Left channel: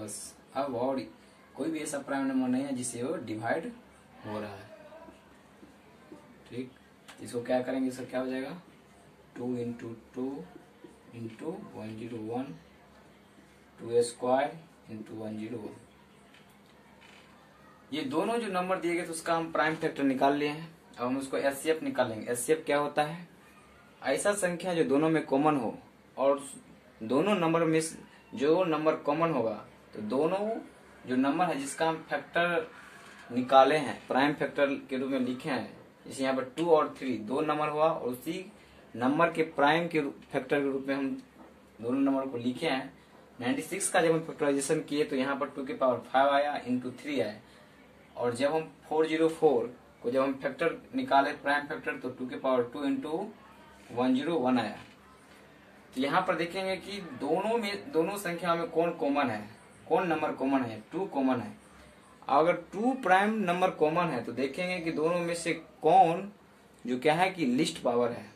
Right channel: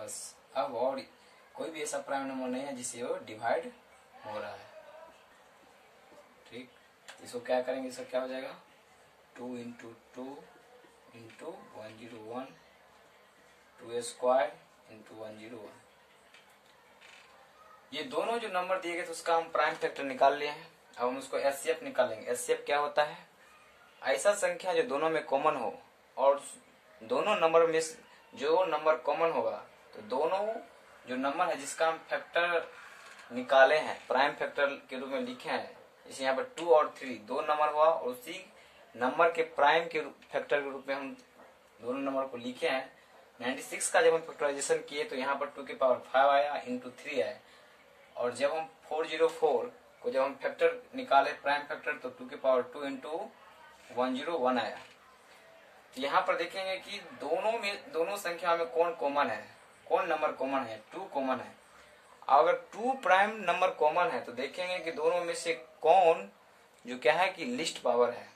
बस। अब और कोई भी ऐसा प्राइम नंबर नहीं है जिससे वो डिवाइड हो रहा है। ठीक, इसको क्या करेंगे, इसका क्या हो जाएगा 2 इंटू 2 इंटू 101 2 स्क्वायर इंटू 101। ये दोनों जो नंबर दिए गए थे उसका हम प्राइम फैक्टर निकाल लिए हैं। अब हम उसको एचसीएफ निकालेंगे। एचसीएफ क्या होता है, ऐसा संख्या जो दोनों में कॉमन हो और दोनों नंबर में जो नंबर कॉमन होगा तो दोनों जो नंबर है जिसका हम फैक्टर निकाले हैं, प्राइम फैक्टर के रूप में लिखे हैं, जैसे यहाँ पर 2 और 3 दो नंबर हुआ और उसी नंबर के प्राइम के फैक्टर के रूप में हम दोनों नंबर को लिखे हैं। 96 का जब हम फैक्टराइजेशन किए तो यहाँ पर 2 की पावर 5 आया इंटू 3 आया, और जब हम 404 को जब हम फैक्टर निकाले प्राइम फैक्टर तो 2 की पावर 2 इंटू 101 आया। तो यहाँ पर देखेंगे कि दोनों संख्या में कौन कॉमन है, कौन नंबर कॉमन है, 2 कॉमन है। अगर 2 प्राइम नंबर कॉमन है तो देखेंगे कि दोनों में से कौन जो क्या है कि लिस्ट पावर है।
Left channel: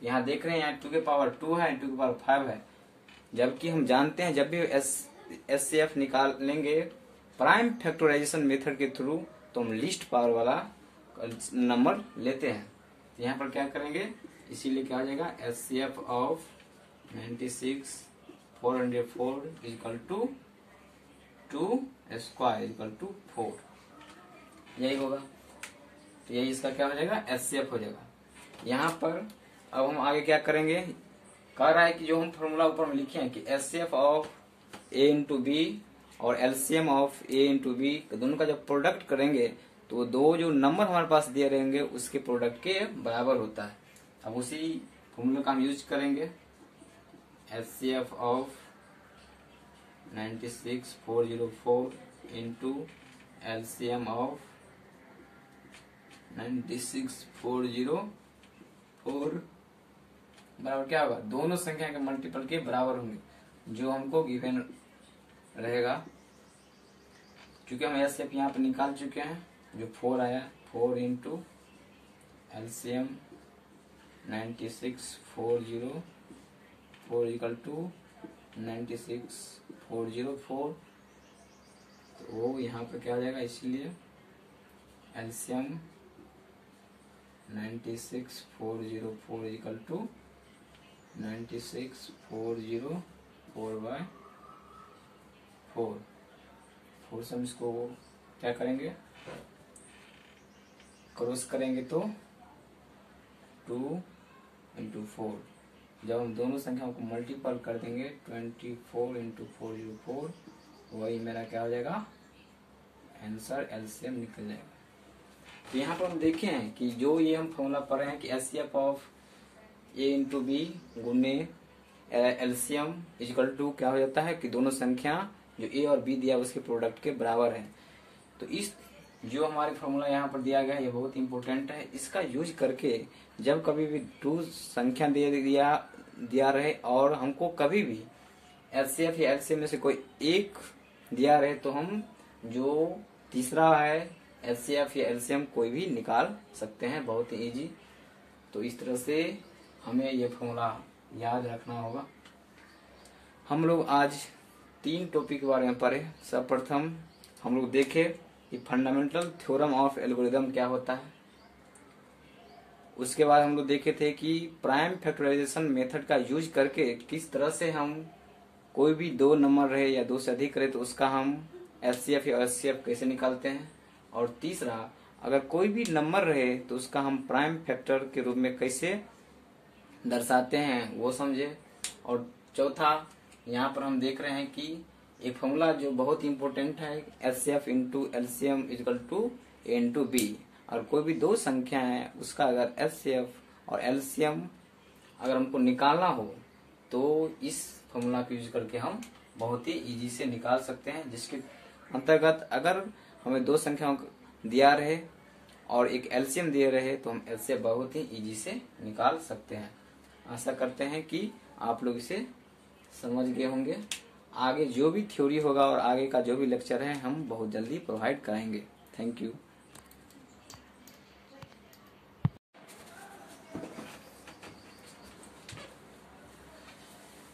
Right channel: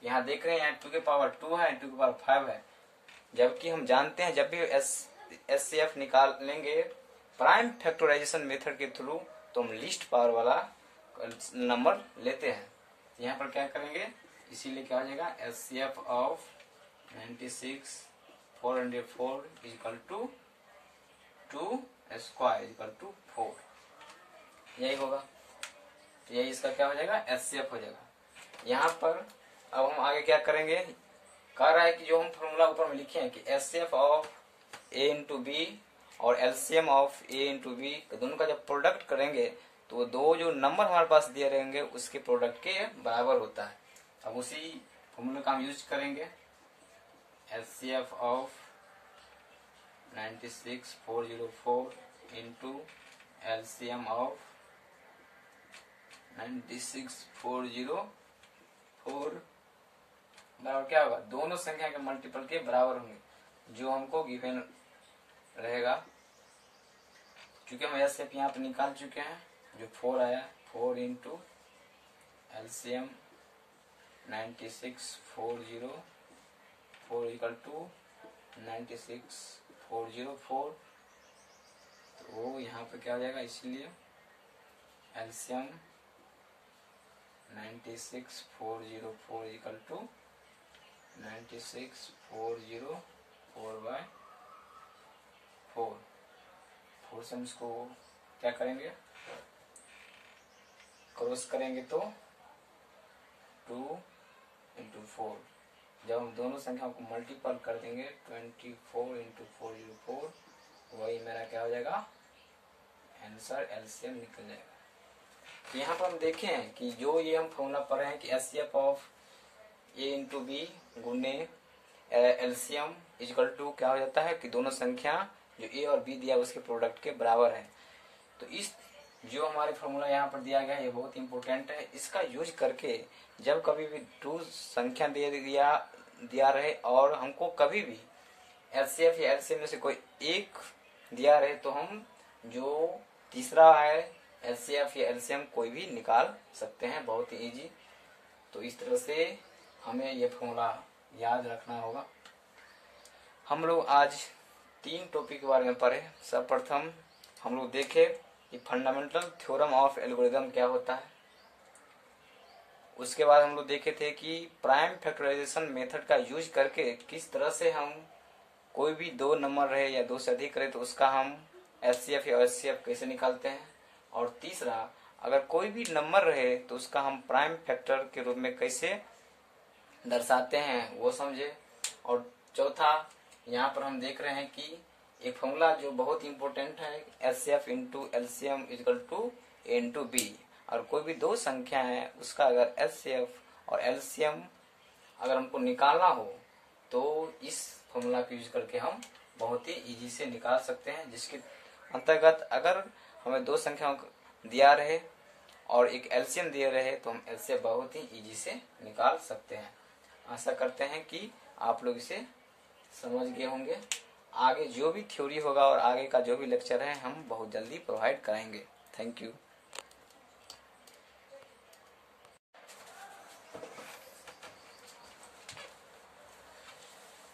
तो यहाँ देख रहे हैं यहाँ 2 की पावर 2 है, 2 की पावर 5 है, जबकि हम जानते हैं जब भी एचसीएफ निकालेंगे प्राइम फैक्टराइजेशन मेथड के थ्रू तो हम लिस्ट पावर वाला नंबर लेते हैं। तो यहाँ पर क्या करेंगे, इसीलिए क्या हो जाएगा HCF of 96 404 equal to 2 square equal to 4, यही होगा। तो यही इसका क्या हो जाएगा एचसीएफ हो जाएगा। यहाँ पर अब हम आगे क्या करेंगे, कह रहा है कि जो हम फॉर्मूला ऊपर में लिखे हैं कि HCF of A into B और LCM of A into B दोनों का जब प्रोडक्ट करेंगे तो दो जो नंबर हमारे पास दिए रहेंगे उसके प्रोडक्ट के बराबर होता है। अब उसी फॉर्मूले का हम यूज करेंगे। HCF of 96 404 into LCM of 96 404 बराबर क्या होगा, दोनों संख्या के मल्टीपल के बराबर होंगे जो हमको गिवन रहेगा। क्योंकि हम एचसीएफ यहाँ पर निकाल चुके हैं, जो 4 आया 4 इंटू एलसीएम 96 404 इक्वल टू 96 404, तो वो यहाँ पर क्या हो जाएगा, इसलिए एलसीएम 96 404 इक्वल टू 96 404 बाय 4 से हम इसको क्या करेंगे क्रॉस करेंगे तो 2 इंटू 4, जब हम दोनों संख्याओं को मल्टीपल कर देंगे 24 इंटू 404 वही मेरा क्या हो जाएगा आंसर एलसीएम निकल जाएगा। तो यहाँ पर हम देखें कि जो ये हम फॉर्मूला पढ़ रहे हैं कि HCF of A into B गुणे एलसीएम इक्वल टू क्या हो जाता है कि दोनों संख्या जो ए और बी दिया उसके प्रोडक्ट के बराबर है। तो इस जो हमारे फॉर्मूला यहाँ पर दिया गया है ये बहुत इंपॉर्टेंट है। इसका यूज करके जब कभी भी 2 संख्या दिया रहे और हमको कभी भी एचसीएफ या एलसीएम में से कोई एक दिया रहे तो हम जो तीसरा है एचसीएफ या एलसीएम कोई भी निकाल सकते हैं, बहुत ही इजी। तो इस तरह से हमें ये फॉर्मूला याद रखना होगा। हम लोग आज 3 टॉपिक के बारे में पढ़े। सर्वप्रथम हम लोग देखे कि फंडामेंटल थ्योरम ऑफ एल्गोरिदम क्या होता है। उसके बाद हम लोग देखे थे कि प्राइम फैक्टराइजेशन मेथड का यूज करके किस तरह से हम कोई भी 2 नंबर रहे या 2 से अधिक रहे तो उसका हम एचसीएफ या एचसीएफ कैसे निकालते हैं। और तीसरा, अगर कोई भी नंबर रहे तो उसका हम प्राइम फैक्टर के रूप में कैसे दर्शाते हैं वो समझे। और चौथा, यहाँ पर हम देख रहे हैं कि एक फॉर्मूला जो बहुत इंपॉर्टेंट है HCF into LCM equal to A into B, और कोई भी 2 संख्या है उसका अगर एचसीएफ और एलसीएम अगर हमको निकालना हो तो इस फॉर्मूला का यूज करके हम बहुत ही इजी से निकाल सकते हैं। जिसके अंतर्गत अगर हमें 2 संख्याओं दिया रहे और एक एलसीएम दिए रहे तो हम एलसीएम बहुत ही इजी से निकाल सकते हैं। आशा करते हैं कि आप लोग इसे समझ गए होंगे। आगे जो भी थ्योरी होगा और आगे का जो भी लेक्चर है हम बहुत जल्दी प्रोवाइड करेंगे। Thank you.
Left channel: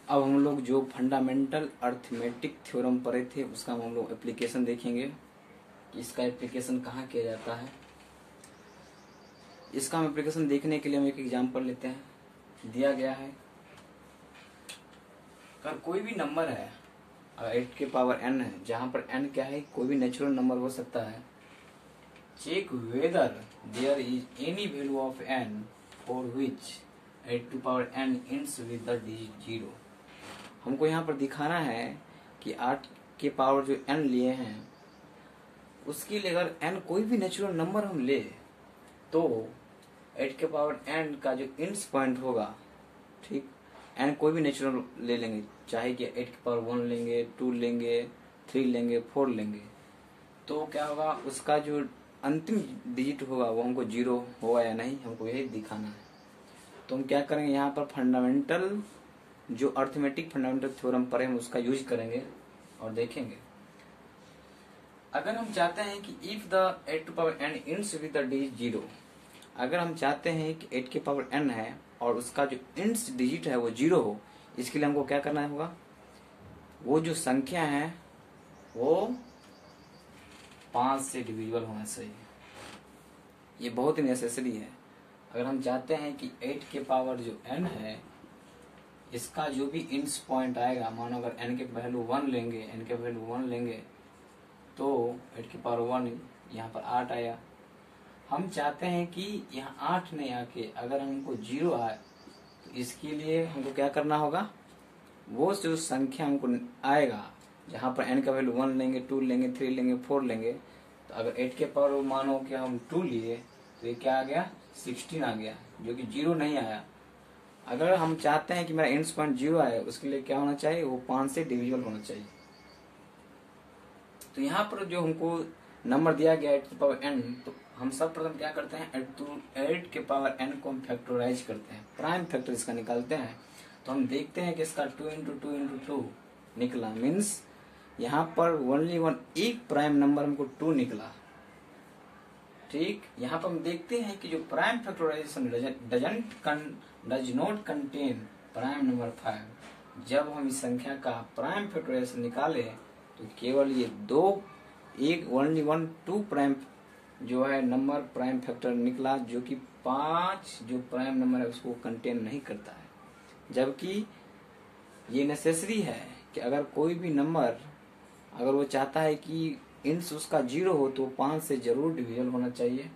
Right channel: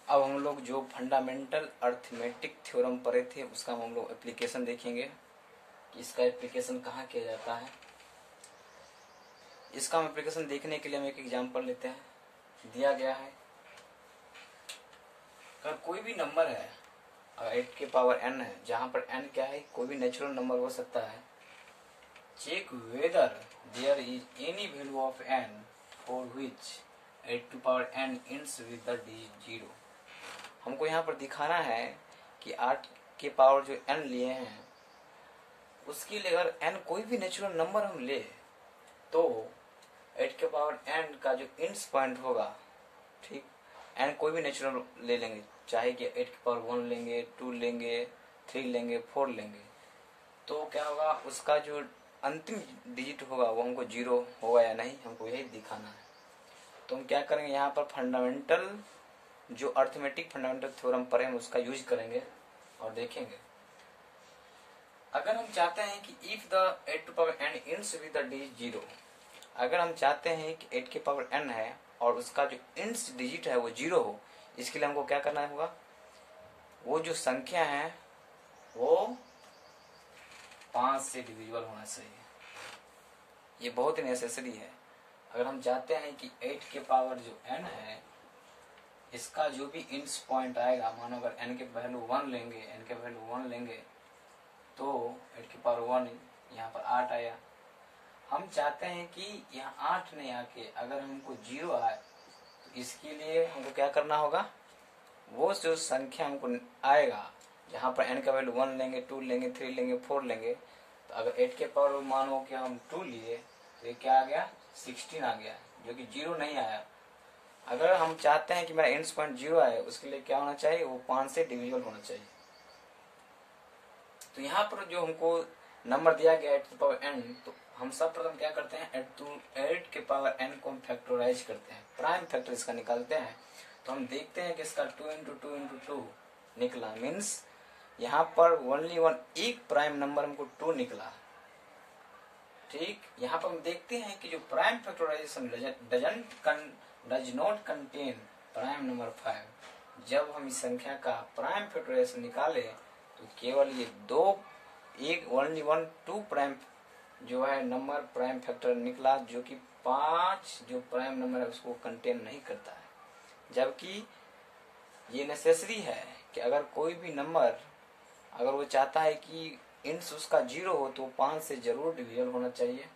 अब हम लोग जो फंडामेंटल अर्थमेटिक थ्योरम पढ़े थे उसका हम लोग एप्लीकेशन देखेंगे कि इसका एप्लीकेशन कहाँ किया जाता है। इसका हम एप्लीकेशन देखने के लिए हम एक एग्जांपल लेते हैं। दिया गया है, अगर कोई भी नंबर है, अगर 8 के पावर n है, जहां पर n क्या है, कोई भी नेचुरल नंबर हो सकता है। Check whether there is any value of n for which 8 to power n ends with the digit 0। हमको यहाँ पर दिखाना है कि 8 के पावर जो n लिए हैं उसके लिए अगर n कोई भी नेचुरल नंबर हम ले तो 8 के पावर n का जो इंड्स पॉइंट होगा, ठीक, n कोई भी नेचुरल ले लेंगे, चाहे कि 8 के पावर 1 लेंगे, 2 लेंगे, 3 लेंगे, 4 लेंगे, तो क्या होगा, उसका जो अंतिम डिजिट होगा वो हमको 0 होगा या नहीं, हमको यही दिखाना है। तो हम क्या करेंगे, यहाँ पर फंडामेंटल जो अर्थमेटिक फंडामेंटल थ्योरम पढ़े हम उसका यूज करेंगे और देखेंगे। अगर हम चाहते हैं कि if the 8 to power n ends with the digit 0, अगर हम चाहते हैं कि 8 के पावर n है और उसका जो इंड्स डिजिट है वो 0 हो, इसके लिए हमको क्या करना होगा, वो जो संख्या है वो 5 से डिविजिबल होना चाहिए। ये बहुत ही नेसेसरी है। अगर हम चाहते हैं कि 8 के पावर जो n है इसका जो भी इंड्स पॉइंट आएगा, मानो अगर n के वैल्यू 1 लेंगे, n के वैल्यू 1 लेंगे तो 8 के पावर 1 यहाँ पर 8 आया। हम चाहते हैं कि यहाँ 8 नहीं आके अगर हमको 0 आए तो इसके लिए हमको क्या करना होगा, वो जो संख्या हमको आएगा जहाँ पर n का वैल्यू 1 लेंगे, 2 लेंगे, 3 लेंगे, 4 लेंगे, तो अगर 8 के पावर मानो कि हम 2 लिए तो ये क्या आ गया, 16 आ गया, जो कि 0 नहीं आया। अगर हम चाहते हैं कि मेरा इंड्स पॉइंट 0 आए उसके लिए क्या होना चाहिए, वो 5 से डिविजिबल होना चाहिए। तो यहाँ पर जो हमको नंबर दिया गया 8 के पावर n, तो हम सब प्रथम क्या करते हैं, 8 के पावर n को हम फैक्टराइज करते हैं, प्राइम फैक्टर इसका निकालते हैं। तो हम देखते हैं कि इसका 2 इंटू 2 इंटू 2 निकला, मीन्स यहाँ पर ओनली वन एक प्राइम नंबर हमको 2 निकला, ठीक। यहाँ पर हम देखते हैं कि जो prime factorisation does not contain prime number 5। जब हम इस संख्या का प्राइम फैक्टराइजेशन निकाले तो केवल ये ओनली वन 2 प्राइम जो है नंबर प्राइम फैक्टर निकला, जो कि 5 जो प्राइम नंबर है उसको कंटेन नहीं करता है। जबकि ये नेसेसरी है कि अगर कोई भी नंबर अगर वो चाहता है कि इंड्स उसका 0 हो तो 5 से जरूर डिविजन होना चाहिए,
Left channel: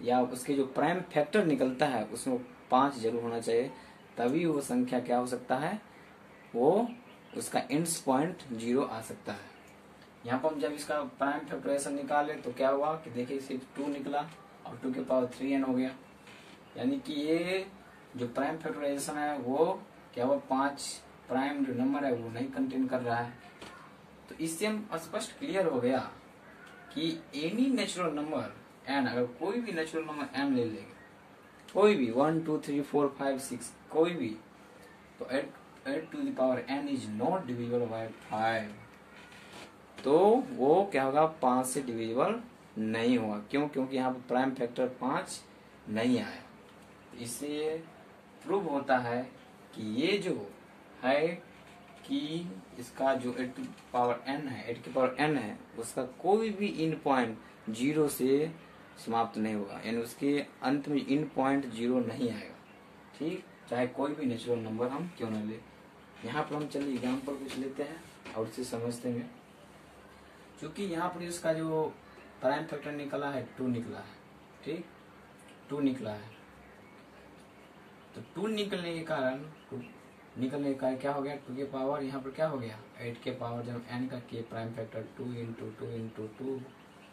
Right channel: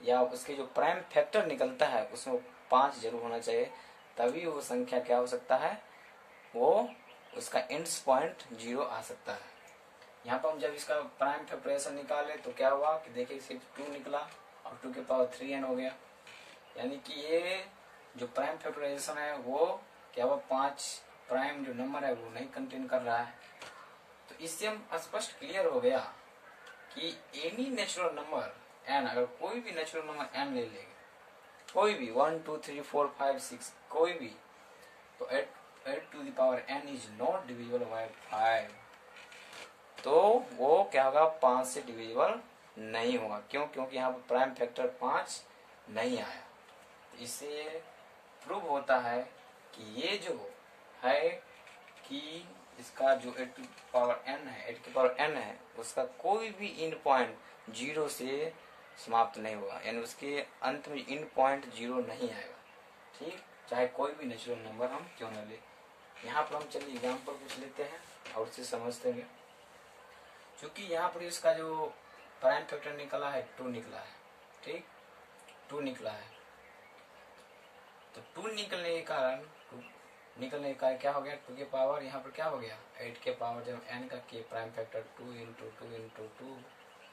या उसके जो प्राइम फैक्टर निकलता है उसमें 5 जरूर होना चाहिए, तभी वो संख्या क्या हो सकता है, वो उसका इंड्स पॉइंट 0 आ सकता है। यहाँ पर हम जब इसका प्राइम फैक्टराइजेशन निकाले तो क्या हुआ कि देखिए सिर्फ 2 निकला और 2 के पावर 3n हो गया, यानी कि ये जो प्राइम फैक्टराइजेशन है वो क्या हुआ, 5 प्राइम जो नंबर है वो नहीं कंटेन कर रहा है। तो इससे हम स्पष्ट क्लियर हो गया कि एनी नेचुरल नंबर n, अगर कोई भी नेचुरल नंबर n ले लेंगे, कोई भी 1 2 3 4 5 6 कोई भी, तो 8 to the power n is not divisible by 5, तो वो क्या होगा, 5 से डिविजिबल नहीं होगा। क्यों? क्योंकि यहाँ पर प्राइम फैक्टर 5 नहीं आया। तो इससे प्रूव होता है कि ये जो है कि इसका जो 8 टू पावर n है, 8 के पावर n है, उसका कोई भी इंड पॉइंट 0 से समाप्त नहीं होगा, यानी उसके अंत में इंड पॉइंट 0 नहीं आएगा, ठीक, चाहे कोई भी नेचुरल नंबर हम क्यों न ले। यहाँ पर हम चलिए एग्जाम्पल कुछ लेते हैं और उसे समझते हैं। क्योंकि यहाँ पर इसका जो प्राइम फैक्टर निकला है 2 निकला है, ठीक, 2 निकला है, तो 2 निकलने के कारण निकलने का क्या हो गया, 2 के पावर यहाँ पर क्या हो गया, 8 के पावर जब n का के प्राइम फैक्टर 2 इंटू 2 इंटू 2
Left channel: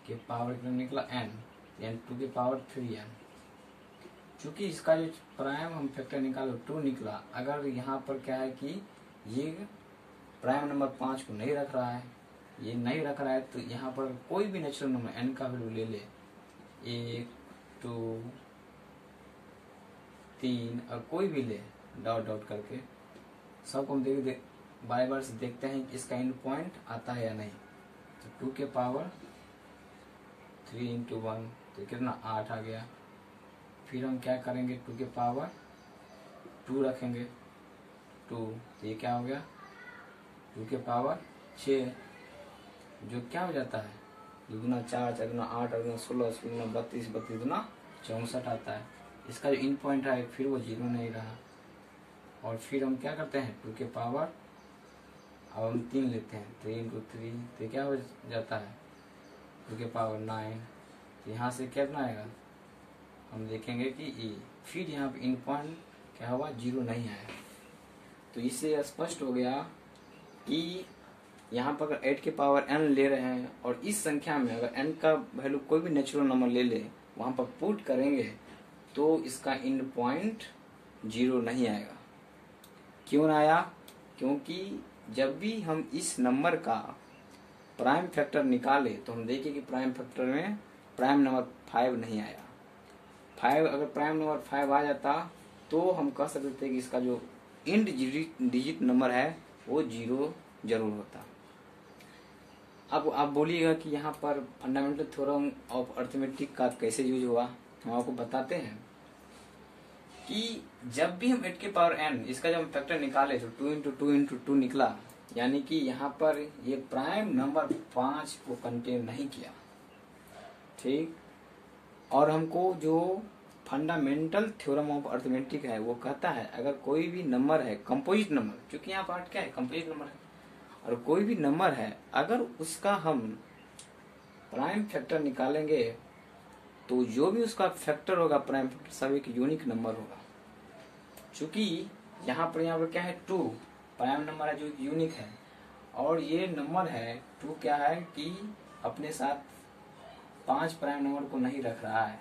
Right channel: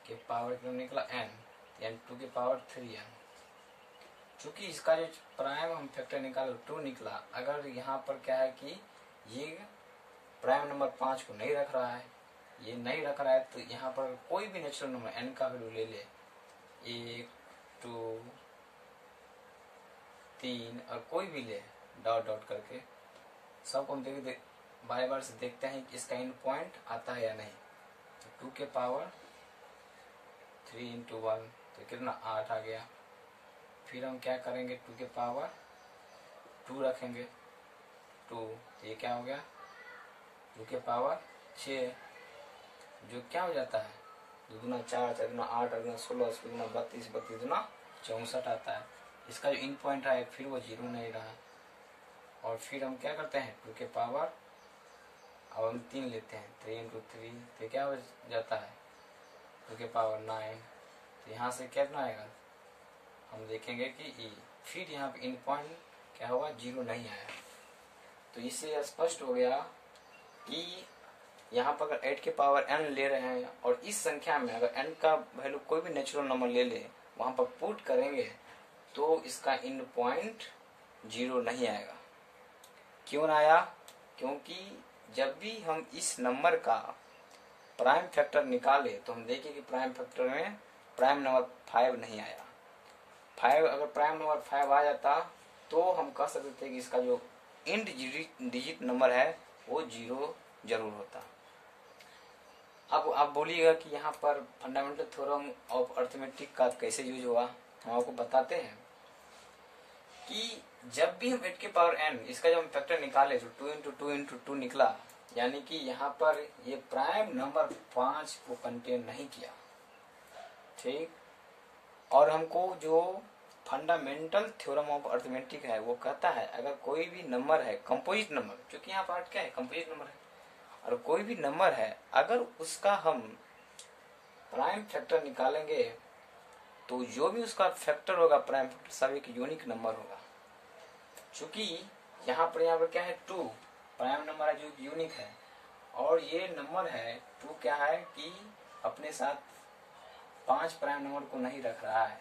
के पावर निकला n, यानी 2 के पावर 3n। चूंकि इसका जो प्राइम हम फैक्टर निकाले 2 निकला, अगर यहाँ पर क्या है कि ये प्राइम नंबर 5 को नहीं रख रहा है, ये नहीं रख रहा है, तो यहाँ पर कोई भी नेचुरल नंबर n का वैल्यू ले ले, 1 2 3 और कोई भी ले, डॉट डॉट करके सबको हम बार बार से देखते हैं कि इसका इंड पॉइंट आता है या नहीं। तो 2 के पावर 3 इंटू 1 तो कितना 8 आ गया। फिर हम क्या करेंगे, 2 के पावर 2 रखेंगे, 2, तो ये क्या हो गया 2 के पावर 6, जो क्या हो जाता है 2 दूना 4, 4 दूना 8, 8 दूना 16, 16 दूना 32, 32 दूना 64 आता है। इसका जो इन पॉइंट है फिर वो 0 नहीं रहा, और फिर हम क्या करते हैं 2 के पावर अब हम 3 लेते हैं, 3 into 3, तो क्या हो जाता है 2 के पावर 9, तो यहाँ से क्या बनाएगा हम देखेंगे कि ई, फिर यहाँ पे इन पॉइंट क्या होगा 0 नहीं आया। तो इससे स्पष्ट हो गया कि यहाँ पर अगर 8 के पावर n ले रहे हैं और इस संख्या में अगर n का वैल्यू कोई भी नेचुरल नंबर ले ले वहां पर पुट करेंगे तो इसका इन पॉइंट 0 नहीं आएगा। क्यों ना आया? क्योंकि जब भी हम इस नंबर का प्राइम फैक्टर निकाले तो हम देखें कि प्राइम फैक्टर में प्राइम नंबर 5 नहीं आया। 5 अगर प्राइम नंबर 5 आ जाता तो हम कह सकते थे कि इसका जो इंड डिजिट नंबर है वो 0 जरूर होता। अब आप बोलिएगा कि यहाँ पर फंडामेंटल थ्योरम ऑफ अरिथमेटिक का कैसे यूज हुआ, हम आपको बताते हैं कि जब भी हम 8 के पावर n इसका जब हम फैक्टर निकाले तो 2 into 2 into 2 निकला, यानी कि यहाँ पर ये प्राइम नंबर 5 को कंटेन नहीं किया, ठीक। और हमको जो फंडामेंटल थ्योरम ऑफ अरिथमेटिक है वो कहता है अगर कोई भी नंबर है कंपोजिट नंबर, क्योंकि यहाँ पर क्या है कंपोजिट नंबर है, और कोई भी नंबर है अगर उसका हम प्राइम फैक्टर निकालेंगे तो जो भी उसका फैक्टर होगा प्राइम फैक्टर सब एक यूनिक नंबर होगा। चूंकि यहाँ पर क्या है 2 प्राइम नंबर है जो यूनिक है, और ये नंबर है 2 क्या है कि अपने साथ 5 प्राइम नंबर को नहीं रख रहा है,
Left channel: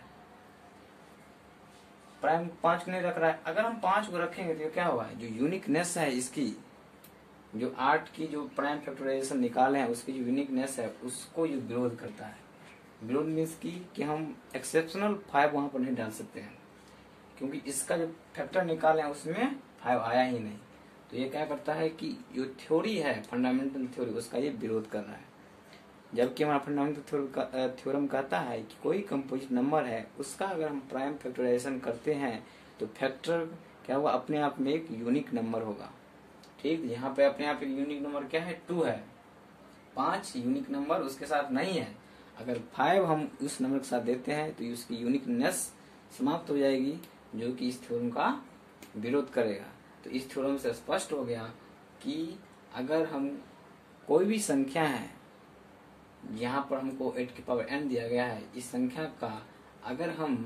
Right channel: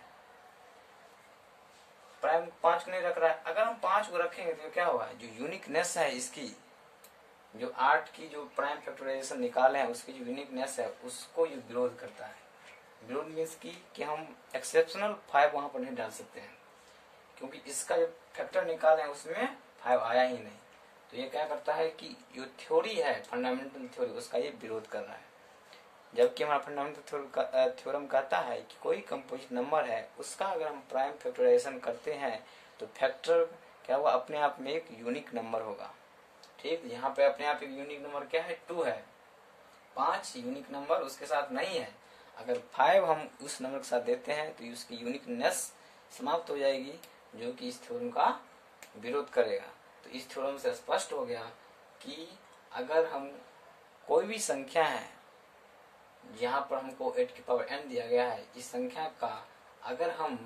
प्राइम 5 को नहीं रख रहा है। अगर हम 5 को रखेंगे तो क्या होगा जो यूनिकनेस है इसकी, जो 8 की जो प्राइम फैक्टराइजेशन निकाले हैं उसकी जो यूनिकनेस है उसको ये विरोध करता है। विरोध मीन्स कि हम एक्सेप्शनल 5 वहां पर नहीं डाल सकते हैं, क्योंकि इसका जो फैक्टर निकाले हैं उसमें 5 आया ही नहीं। तो ये क्या करता है कि जो थ्योरी है फंडामेंटल थ्योरी उसका ये विरोध कर रहा है। जबकि हमारा फंडामेंटल थ्योरम कहता है कि कोई कंपोजिट नंबर है उसका अगर हम प्राइम फैक्टराइजेशन करते हैं तो फैक्टर क्या होगा अपने आप में एक यूनिक नंबर होगा, ठीक। यहाँ पे अपने आप एक यूनिक नंबर क्या है 2 है, 5 यूनिक नंबर उसके साथ नहीं है। अगर 5 हम उस नंबर के साथ देते हैं तो उसकी यूनिकनेस समाप्त हो जाएगी, जो कि इस थ्योरम का विरोध करेगा। तो इस थ्योरम से स्पष्ट हो गया कि अगर हम कोई भी संख्या है, यहाँ पर हमको 8 की पावर n दिया गया है, इस संख्या का अगर हम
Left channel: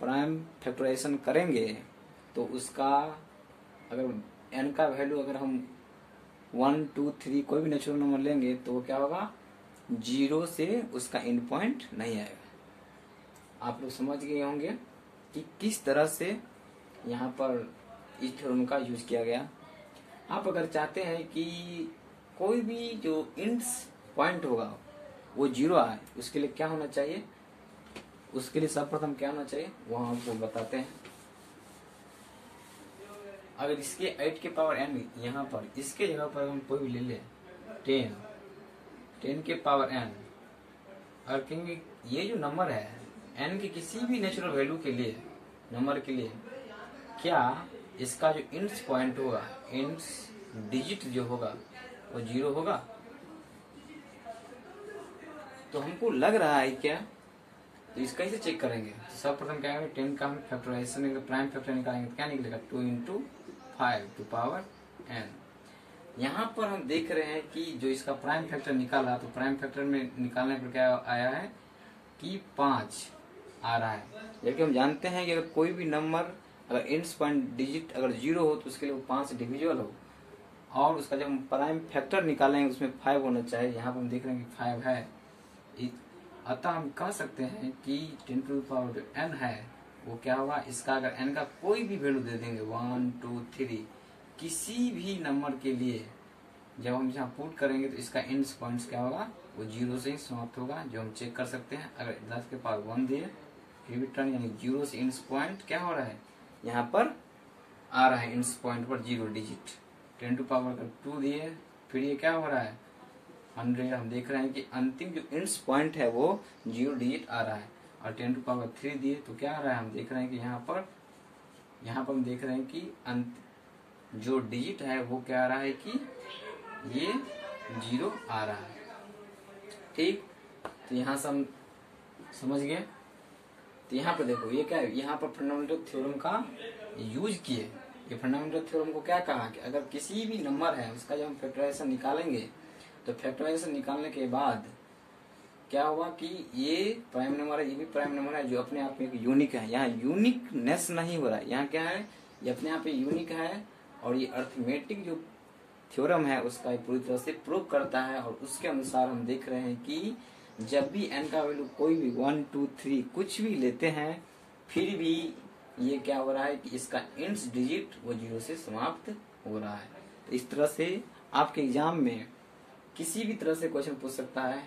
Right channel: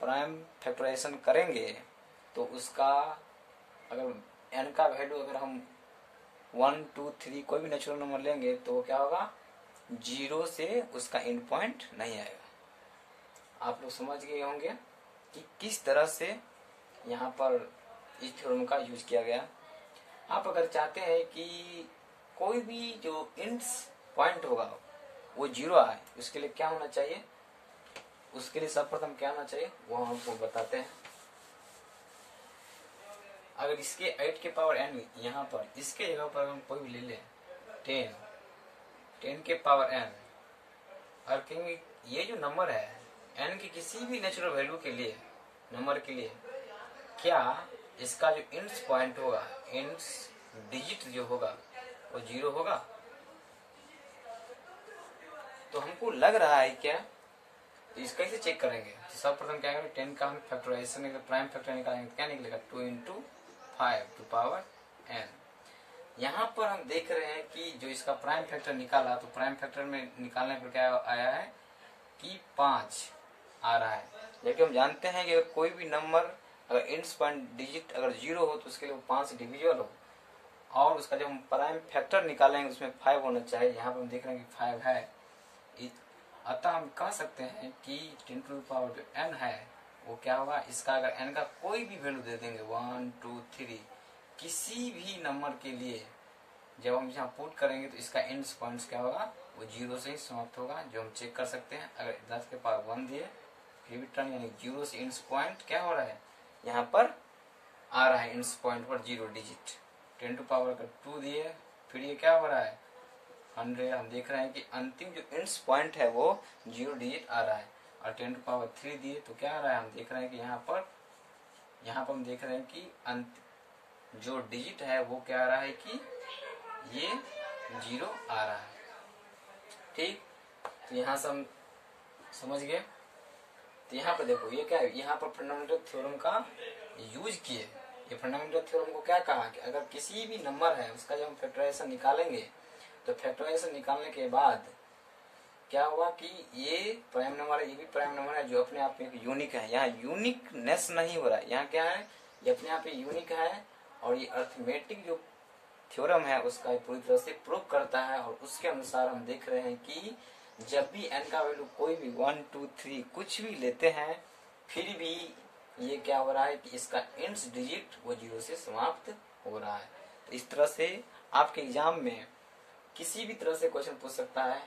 प्राइम फैक्टराइजेशन करेंगे तो उसका अगर n का वैल्यू अगर हम 1, 2, 3 कोई भी नेचुरल नंबर लेंगे तो क्या होगा 0 से उसका एंड पॉइंट नहीं आएगा। आप लोग समझ गए होंगे कि किस तरह से यहाँ पर इस थ्योरम का यूज किया गया। आप अगर चाहते हैं कि कोई भी जो इंड्स पॉइंट होगा वो 0 आए, उसके लिए क्या होना चाहिए, उसके लिए सर्वप्रथम क्या होना चाहिए वो हम आपको बताते हैं। अगर इसके 8 के पावर n यहाँ पर इसके जगह पर हम कोई भी ले ले 10 के पावर n, और कहेंगे ये जो नंबर है n के किसी भी नेचुरल वैल्यू के लिए नंबर के लिए क्या इसका जो इंड्स पॉइंट होगा, इंड्स डिजिट जो होगा वो 0 होगा। तो हमको लग रहा है क्या, तो इसका कैसे चेक करेंगे, तो सर्वप्रथम क्या करेंगे 10 का हम फैक्टराइजेशन प्राइम फैक्टर निकालेंगे तो क्या निकलेगा 2 into 5 to power n। यहाँ पर हम देख रहे हैं कि जो इसका प्राइम फैक्टर निकाला तो प्राइम फैक्टर में निकालने पर क्या आया है कि 5 आ रहा है। जबकि हम जानते हैं कि अगर कोई भी नंबर अगर एंड्स पॉइंट डिजिट अगर 0 हो तो उसके लिए 5 से डिविजिबल हो, और उसका जब हम प्राइम फैक्टर निकालेंगे उसमें 5 होना चाहिए। यहाँ पर हम देख रहे हैं कि 5 है, अतः हम कह सकते हैं कि 10 to the power जो n है वो क्या होगा, इसका अगर n का कोई भी वैल्यू दे देंगे 1, 2, 3 किसी भी नंबर के लिए जब हम यहाँ पुट करेंगे तो इसका एंड्स पॉइंट्स क्या होगा वो 0 से ही समाप्त होगा, जो हम चेक कर सकते हैं। अगर 10 के पावर 1 दिए फिर भी टर्न यानी 0 से एंड्स पॉइंट क्या हो रहा है यहाँ पर आ रहा है, एंड्स पॉइंट पर 0 डिजिट। 10 to पावर 2 दिए फिर ये क्या हो रहा है 100, हम देख रहे हैं कि अंतिम जो एंड्स पॉइंट है वो 0 डिजिट आ रहा है। और 10 to पावर 3 दिए तो क्या आ रहा है, हम देख रहे हैं कि यहाँ पर हम देख रहे हैं कि जो डिजिट है वो क्या आ रहा है कि ये 0 आ रहा है। ठीक, तो यहाँ से हम समझ गए। तो यहाँ पे देखो ये क्या है, यहाँ पर फंडामेंटल थ्योरम का यूज किए। ये फंडामेंटल थ्योरम को क्या कहा कि अगर किसी भी नंबर है उसका जब हम फैक्टराइजेशन निकालेंगे तो फैक्टराइजेशन निकालने के बाद क्या होगा कि ये प्राइम नंबर है, ये भी प्राइम नंबर है जो अपने आप में एक यूनिक है। यहाँ यूनिकनेस नहीं हो रहा है, यहाँ क्या है, ये अपने आप में यूनिक है और ये अर्थमेटिक जो थ्योरम है उसका पूरी तरह से प्रूव करता है। और उसके अनुसार हम देख रहे हैं कि जब भी n का वैल्यू कोई भी 1, 2, 3 कुछ भी लेते हैं फिर भी ये क्या हो रहा है कि इसका इंड्स डिजिट वो 0 से समाप्त हो रहा है। तो इस तरह से आपके एग्जाम में किसी भी तरह से क्वेश्चन पूछ सकता है।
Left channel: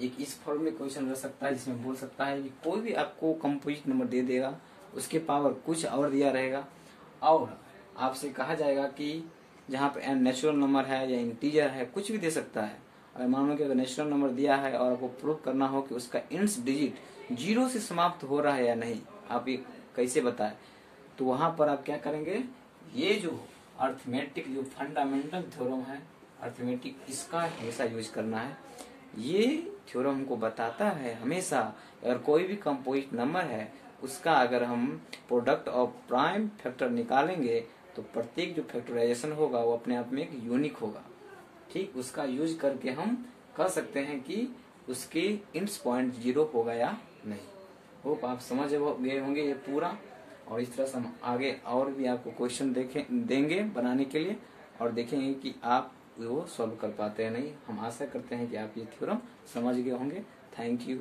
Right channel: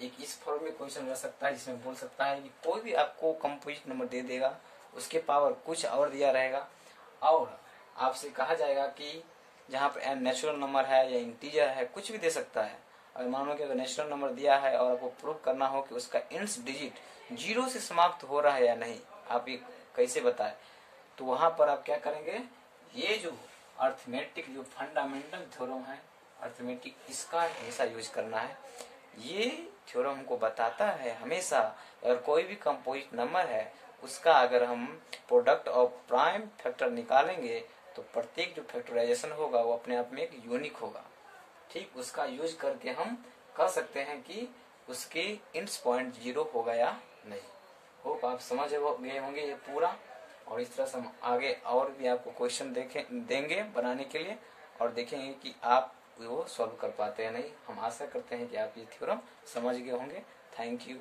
एक इस फॉर्म में क्वेश्चन रह सकता है जिसमें बोल सकता है कि कोई भी आपको कंपोजिट नंबर दे देगा, उसके पावर कुछ और दिया रहेगा और आपसे कहा जाएगा कि जहाँ पे n नेचुरल नंबर है या इंटीजर है, कुछ भी दे सकता है। और मान लो कि अगर नेचुरल नंबर दिया है और आपको प्रूव करना हो कि उसका इंड्स डिजिट 0 से समाप्त हो रहा है या नहीं, आप ये कैसे बताएं, तो वहां पर आप क्या करेंगे, ये जो अर्थमेटिक जो फंडामेंटल थ्योरम है अर्थमेटिक, इसका हमेशा यूज करना है। ये थ्योरम हमको बताता है हमेशा अगर कोई भी कंपोजिट नंबर है उसका अगर हम प्रोडक्ट और प्राइम फैक्टर निकालेंगे तो प्रत्येक जो फैक्टराइजेशन होगा वो अपने आप में एक यूनिक होगा। ठीक, उसका यूज करके हम कह सकते हैं कि उसके इंड्स पॉइंट 0 होगा या नहीं। होप आप समझ गए होंगे ये पूरा। और इस तरह से हम आगे और भी आपको क्वेश्चन देंगे बनाने के लिए और देखेंगे कि आप वो सॉल्व कर पाते हैं नहीं। हम आशा करते हैं कि आप ये थ्योरम समझ गए होंगे। Thank you.